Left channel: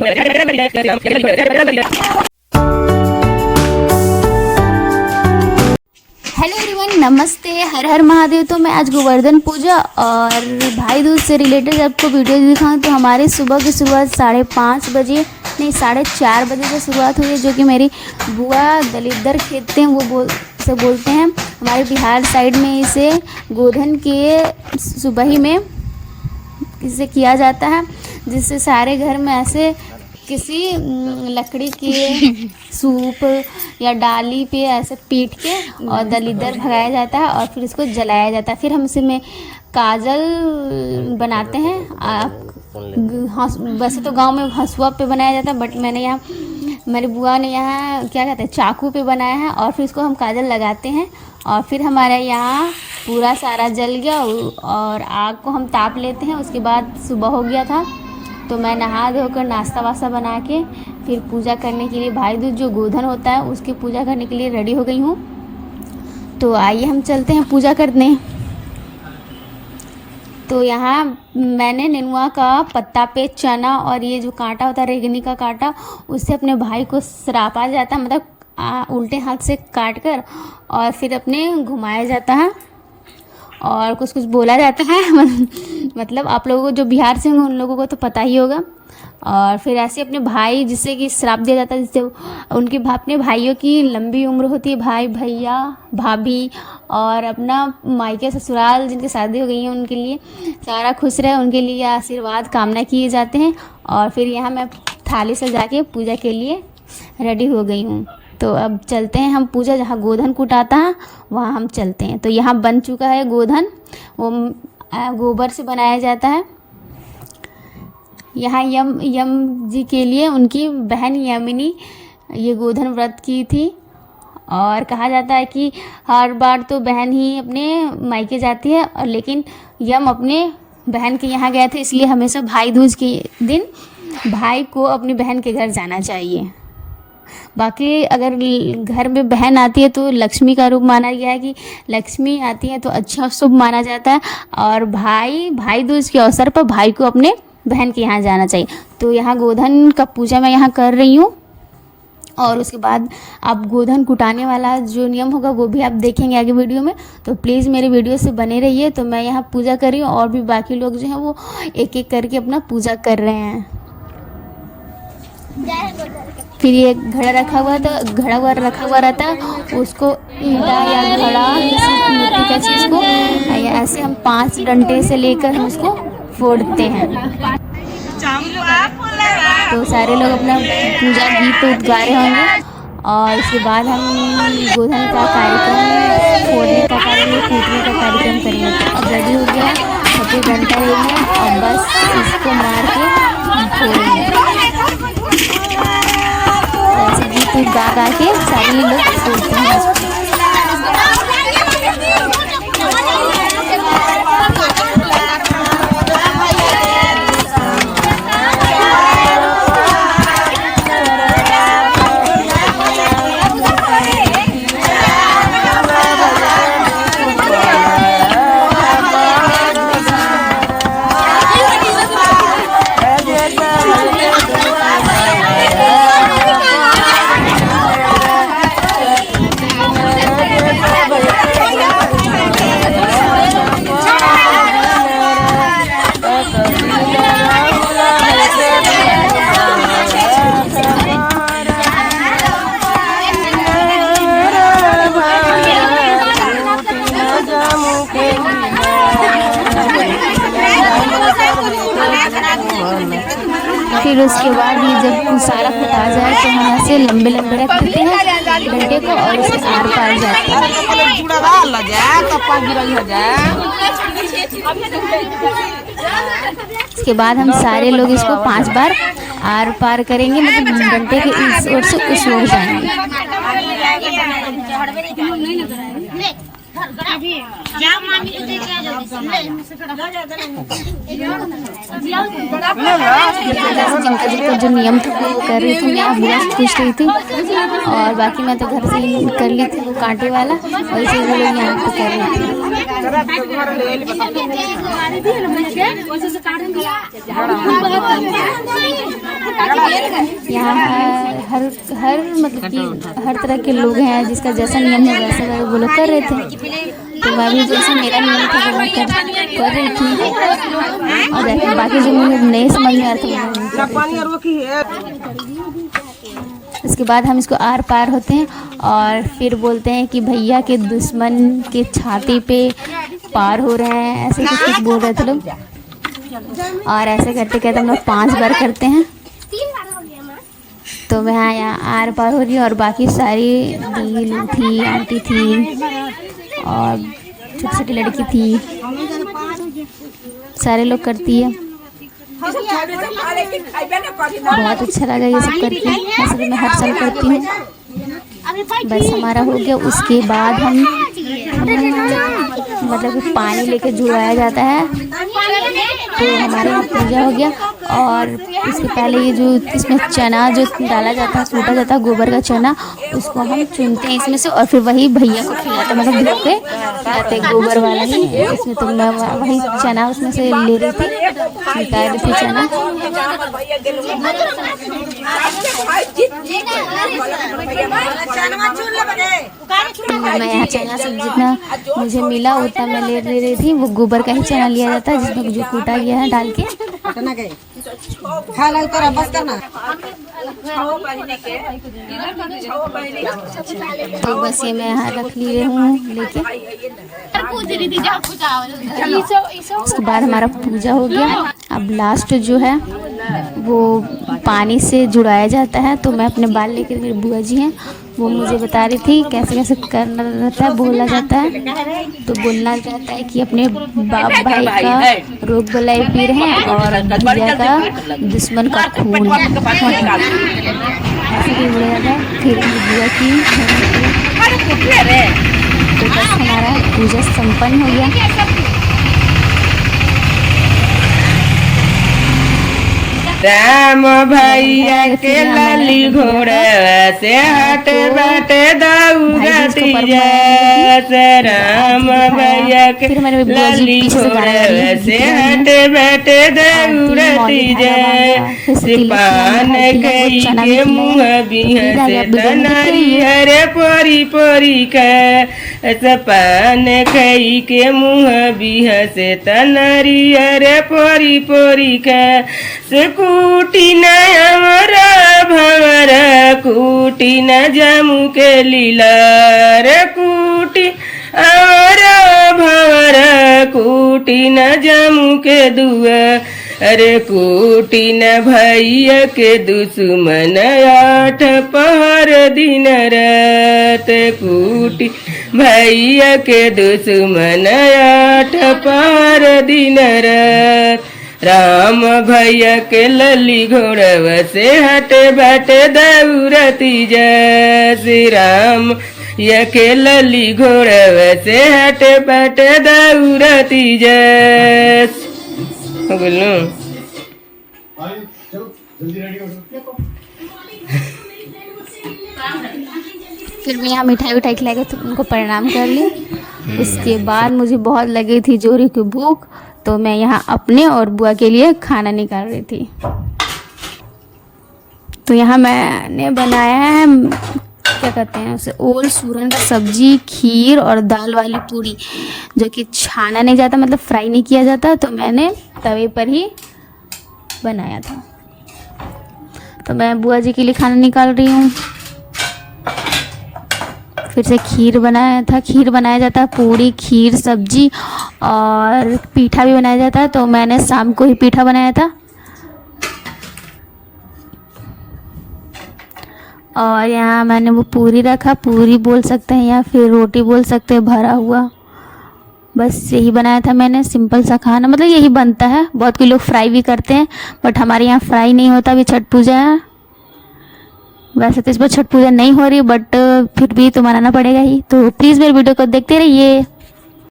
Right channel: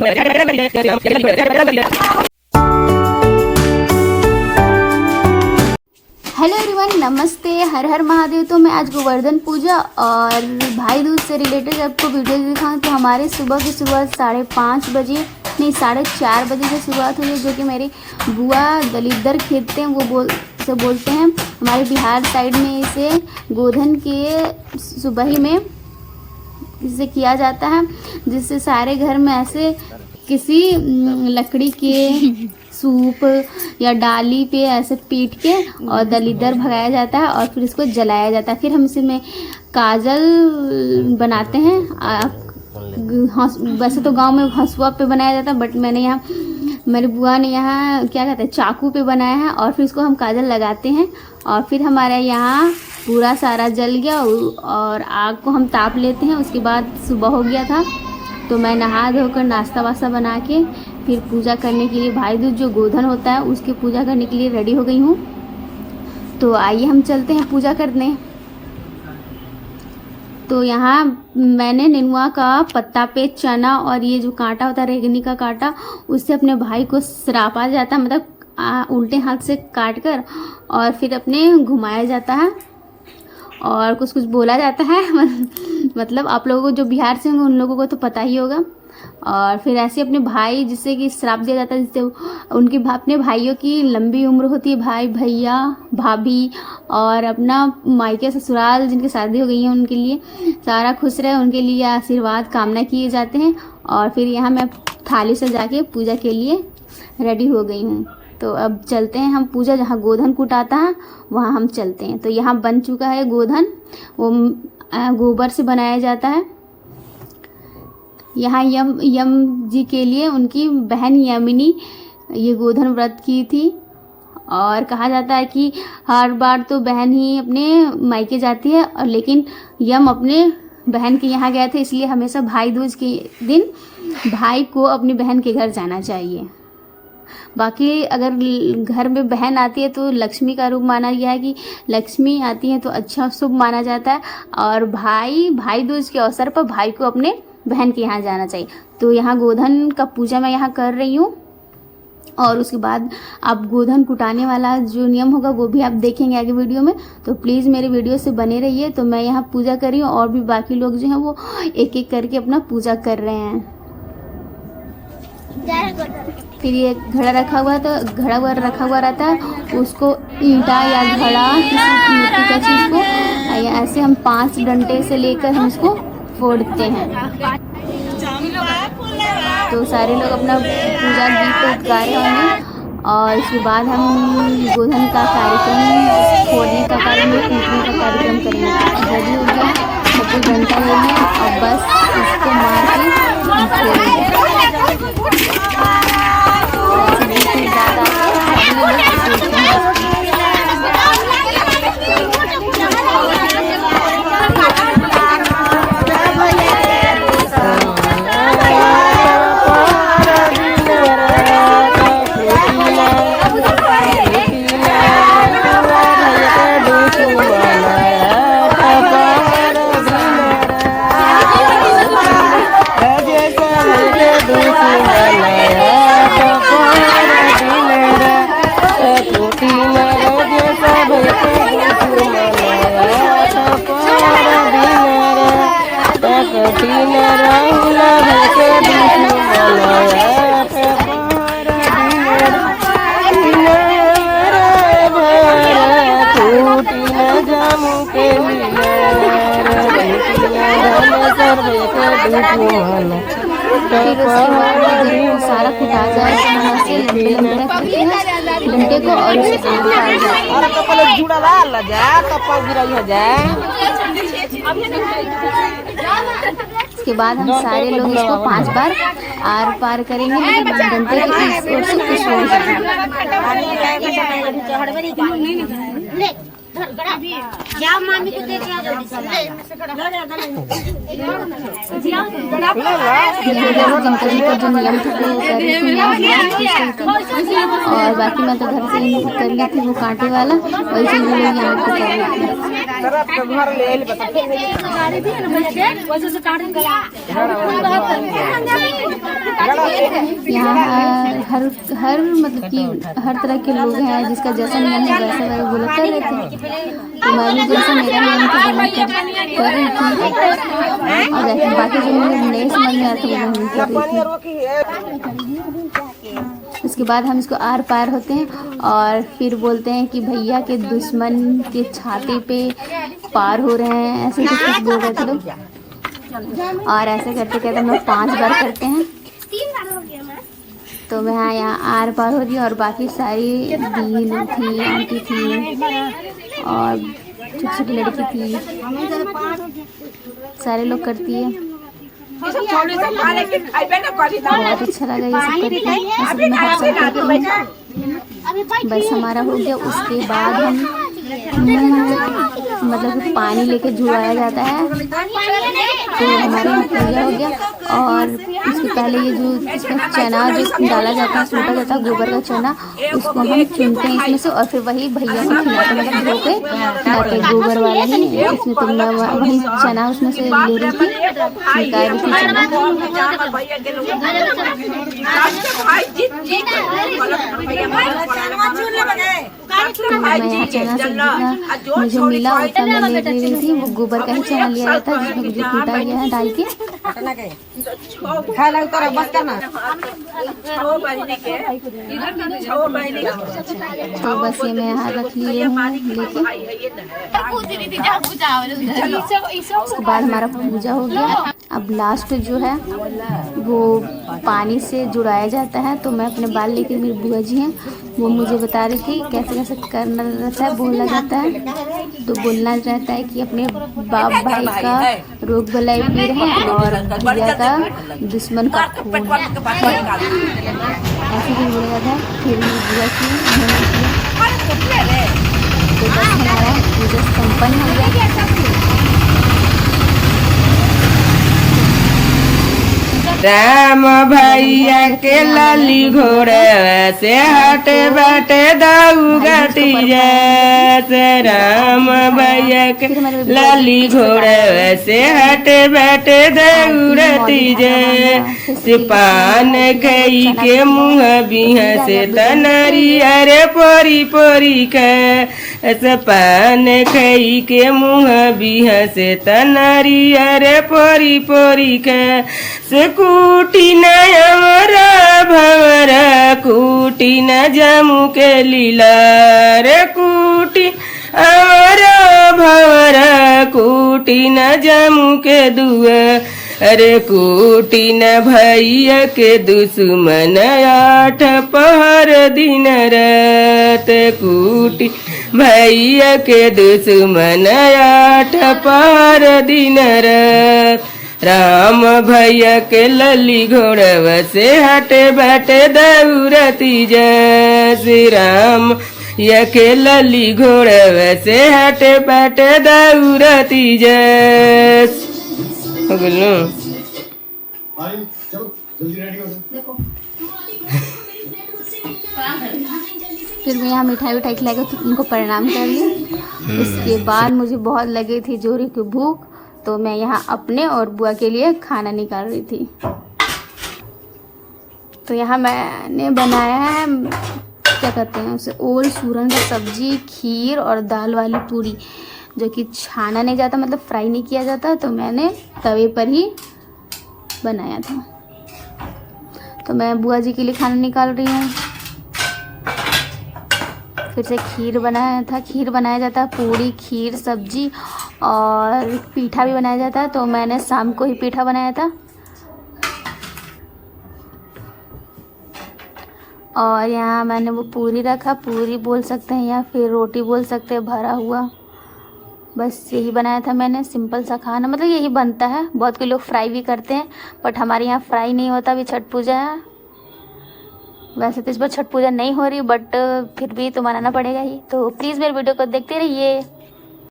Hello everyone, नमस्ते, हर हर महादेव। तो मैं आज गोवर्धन पूजा और भाई दूज से रिलेटेड आपको वीडियो दिखाऊं। तो हमारे सुबह की शुरुआत 5:30 बजे नहीं 4:30 बजे से शुरुआत हुई है, जो कि मेरी बुआ दलिद्दर खेतते हैं वो बोलते हैं। हमारे बिहार साइड में इसे गोधन के सुबह ही में इसे किया जाता है, जिससे सारे घर में ऐसे किसी लकड़ी के सूप या डाली पे ऐसे पीट के और दलिद्दर भगाया जाता है और फिर इसको जलाया जाता है। फिर हम इसे में काजल बनाते हैं। वैसे तो गांव में हंसुआ पे बनाया जाता है, बट मेरी बुआ ने यहाँ क्या कहते हैं चाकू पे बनाया है और फिर इसको हम काजल लगाते हैं। और फिर हमारे यहाँ पूरा सारा जल गया और आग को हम ताप लेते हैं। उसके बाद सुबह हो गया था, तो मैं नहा धोकर नाश्ता वास्ता बना के फिर पूजा करने के लिए भाई दूज जो गोधन होता है उसकी पूजा करने के लिए रेडी हो गई हूँ। तो आइए हम चलते हैं पूजा करने। तो यहाँ मैंने नेनुआ का पत्ता पे चना और ये जो कांटा होता है रेगनी का कांटा, उससे अपने भाई को सरापा जाता है, मतलब उल्टे हाथ से काट कर और फिर अपने घुमाया जाता है और कुछ कुछ बोला जाता है। मतलब आप लोगों को जो बिहार से उन लोगों को तो पता ही होगा। और फिर ऐसे अपने भाई जिससे कि श्राप दिया जाता है, जिससे उनकी अपने भाइयों की लंबी उम्र होती है, भाई भैया भाभी और अपना मायके ससुराल जिनकी शादी हो गई है उनके लिए सारा खुश रहे, उनके लिए आशीर्वाद कामना किए जाते हैं। और फिर यहाँ मैं थाली सजा के पूजा के लिए रेडी हो गई हूँ। तो अब चलते हैं हम पूजा जहाँ गोधन कुटाता है वहाँ हम चलते हैं। तो यहाँ बन चुका है गोधन, वो गोबर से बनाया जाता है। यहाँ यम जी के लिए उनकी बहन यमिनी ये गोधन व्रत की थी और कहा जाता है कि हर बार तो बहन ही अपने मायके जाती है, और लेकिन यम अपने बहन के यहाँ गया था, इसलिए हमेशा भाई दूज के दिन भाई को अपनी बहन के घर जाना चाहिए। बाकी अगर घर में बहन आती है तो लक्ष्मी का रूप माना गया है कि लक्ष्मी आती है तो अच्छा शुभ माना जाता है, और भाई दूज के अवसर पर भाई को अपने बहन के यहाँ जाना चाहिए। तो यहाँ गोधन का पूजा मैं यहाँ कर रही हूँ और उसके बाद आप गोधन कुटाने वाला जो नियम होगा वो भी आप देखेंगे आगे वीडियो में। तो प्लीज़ मेरे वीडियो से बने रहिए। तो मैं यहाँ पूजा कर रही हूँ और भी बाकी लोग जो हैं वो एक एक करके अपना पूजा कर रहे हैं। फिर ये घड़ा रखा हुआ रहता है, उसको ईंटा या घड़ा किसी मिट्टी का चीज़ को ऐसे हम 5 डंडे से लेकर हम उसको फोड़ते हैं। तो सारे लोग अपना पूजा गीत गा रहे होंगे और उसके बाद हम गोधन का कार्यक्रम फोड़ने का कार्यक्रम करेंगे। रेडी हो गया, छोटे डंडे हो गए और बस इसको मार के फिर उसके बाद ये जब सारा कुटा जाए तो यहाँ से लंबे रखते हैं डंडे को और उसके इसके बाद हम सारे लोग इसको 5 बार आर पार करेंगे, लेकिन डंडे के इस ओर से कुछ हो जाएगा। जिनका जो नियम था वो कर रही थी, मैं पूछ रही थी और बाकी मैं तो घर से कर ली थी वो कांटे वाला, वैसे हम लोग यहाँ पर कर रहे थे। यहाँ हर मतलब कि हर तरह के लोग हैं, जिसका जैसा नियम है वैसा वो लोग कर रहे थे। तो मैं भी जैसा मेरा नियम था वो कर रही थी, लेकिन बाकी जो मुझे नहीं समझ में आता वो कर रही थी। उसके बाद हम इसको आर पार होते हैं और फिर बोलते हैं कि भैया के दुश्मन के छाती पे पार हो रहे हैं, ऐसे कुछ बोल रहे थे लोग। और ऐसे करते करते हम लोग 5 बार करते हैं। तो मैं यहाँ आर पार हो रही हूँ और बाकी सारी दी लोग थी, आंटी थी और छोटी छोटी लड़की थी, सारे लोग करती है। बहुत अच्छा लगा ये सब करके, मैं हर साल करती हूँ। बस हमारा हो गया। उसके बाद हम मतलब पानी लेके जुड़ाया जाता है, तो हमारा पूजा हो गया। और उसके पहले ये जो इसमें चना जो डाला जाता है, सूटा जाता है गोबर का चना, उसको हम चुनते हैं इसमें से और फिर वही भैया को खिलाते, मतलब धो के खिलाते गोबर वाला ही इसमें। तो मैं वही चना उसमें से ले रही थी, चुनता रही थी चना। तो मैं यहाँ चना सब जितना मुझे मिला उतना मैं ले रही थी। वो गोबर का ही चना लिया जाता है जिसमें जो कूटा गया है डाल के। तो बस ये मैं यहाँ रख लिए हूँ लेके। उसके बाद हमारा पूजा हो गया। अब लास्ट जो है वो पानी से जुड़ाया जाता है। तो मैं अपने बाल लेके, मेरी बुआ जी हैं वो मुझे बता रही थी कैसे कैसे करना रहता है, बोलना जाता है। तो बोलना चाहता है कि अपने बाप भाई का रोग बलाई पीर है और भैया का दुश्मन का खून है। ऐसे ही बोला जाता है। फिर पूजा संपन्न हो गया। राम भैया के लाली घोड़े से हटे बाटे दौगती जैसे। राम भैया के लाली घोड़े से हटे बाटे दौड़ती जैसे। पान कई के मुँह बिह से तनारी अरे पोरी पोरी के। पान कई के मुँह बिह से तनारी अरे पोरी पोरी के। से कूटी न हमरा भवर कूटी न जमू के लीला रे। कूटी हमरा भवर कूटी न जमू के दुआ अरे। कूटी न भैया के दुश्मन 8 पहर दिन रात। कूटी भैया के दुश्मन 8 पहर दिन रात। राम भैया के लली घोड़व से हटे बाटे दौड़ती जैसे। राम भैया के लली घोड़व से हटे बाटे दौड़ती जैसे। हो बोलूं फिर मैं यहाँ मिठाई उठाई खिला के उनको प्रणाम कर ली। इसके बाद मुझे बहुत लगी थी जोरी की भूख, तो मैं यहाँ अपने और बुआ के लिए खाना निकाल रही थी। तो यहाँ मैंने बनाया है क्या कहते हैं उसे, ओल सूरन का सब्जी, खीर और दाल वाली पूरी, जो कि छाना नहीं जाता, मतलब फ्राई नहीं किया जाता। तो मैंने तवे पर ही बनाया था। तो मैं बुआ जी के लिए खाना निकाल रही हूँ। फिर से खीर बनाया था, खीर बनाया जाता है, पूरी, खीर, सब्जी और पीठा भी बनाया जाता है। तो मैंने शाम को ही पीठा बनाया था। और यहाँ मैंने वो पूरी रखा, पूरी बोल सकते हैं या फिर रोटी बोल सकते हैं, भरा हुआ। बस यही बनाया था मैंने, सिंपल सा खाना, मतलब यही बनता है। बहुत कोई लोग फ्राई भी करते हैं, बट हमारे यहाँ फ्राई नहीं होता। अभी छठ पूजा है, वैसे तो इस बार छठ पूजा नहीं हो रही, बट फिर भी तो मनाना पड़ेगा ही। तो प्लीज़ मेरे वीडियो को देखते रहिए।